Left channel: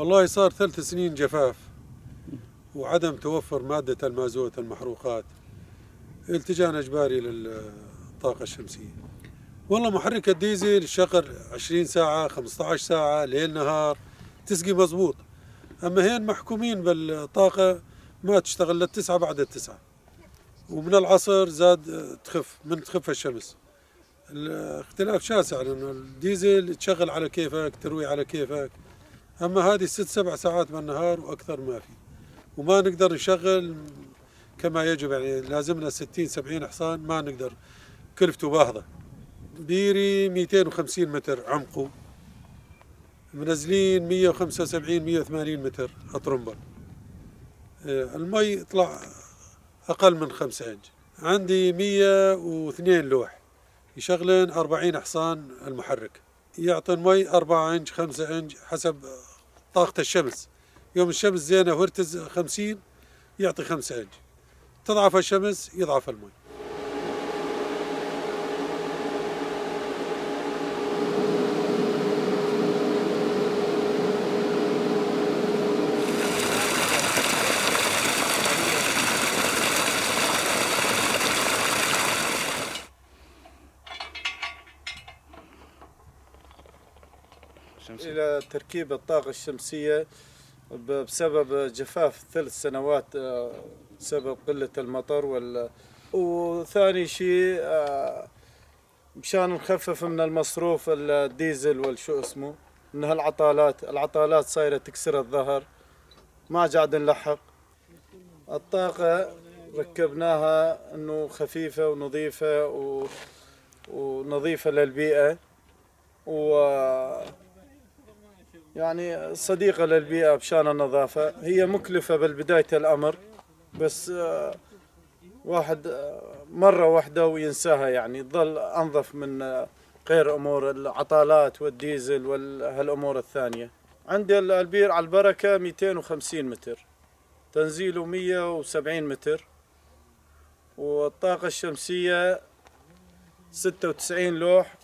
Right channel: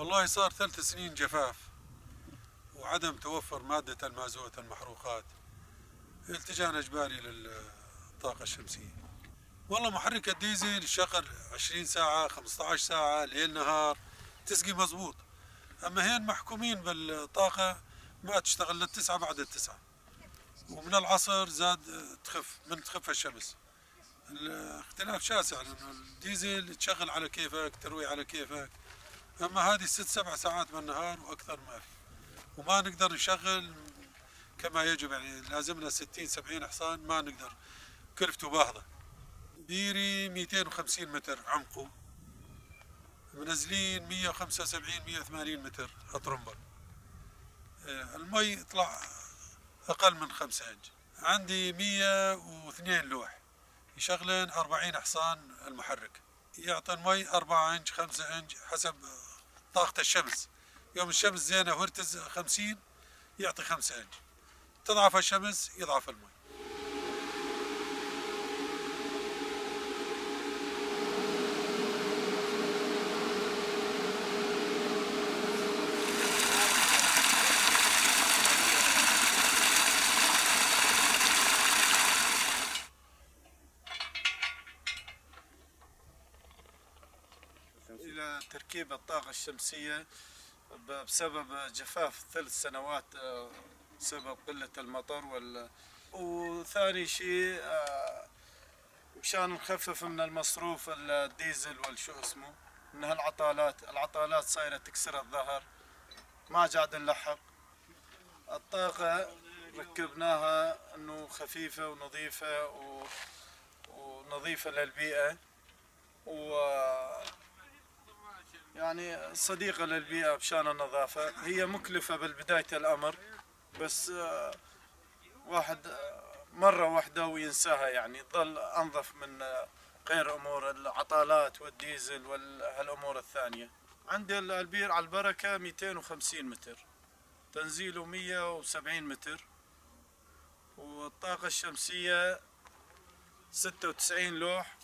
والله صار 3 سنين جفاف وعدم توفر مادة المازوت المحروقات، التجأنا إجباري للطاقة الشمسية. والله محرك الديزل شغل 20 ساعة 15 ساعة ليل نهار تسقي مضبوط، أما هين محكومين بالطاقة ما تشتغل للتسعة بعد التسعة، ومن العصر زاد تخف الشمس. الاختلاف شاسع لأنه الديزل تشغل على كيفك تروي على كيفك، أما هذه 6 7 ساعات بالنهار وأكثر ما في، وما نقدر نشغل كما يجب. يعني لازمنا 60 70 حصان ما نقدر، كلفته باهظة. بيري 250 متر عمقه، منزلين 175 180 متر أطرمبة. المي يطلع أقل من 5 إنج. عندي 102 لوح يشغلن 40 حصان المحرك، يعطي المي 4 إنج 5 إنج حسب طاقة الشمس. يوم الشمس زينة وارتز 50 يعطي 5 إنج، تضعف الشمس يضعف المي. إلى تركيب الطاقة الشمسية بسبب جفاف 3 سنوات بسبب قلة المطر وثاني شيء مشان نخفف من المصروف الديزل والشو اسمه من هالعطالات صايرة تكسر الظهر، ما قاعد نلحق. الطاقة ركبناها انه خفيفة ونظيفة ونظيفة للبيئة يعني صديقة للبيئة بشان النظافة. هي مكلفة بالبداية الأمر، بس واحد مرة واحدة وينساها، يعني تظل أنظف من غير أمور العطالات والديزل وهالأمور الثانية. عندي البير على البركة 250 متر، تنزيله 170 متر، والطاقة الشمسية 96 لوح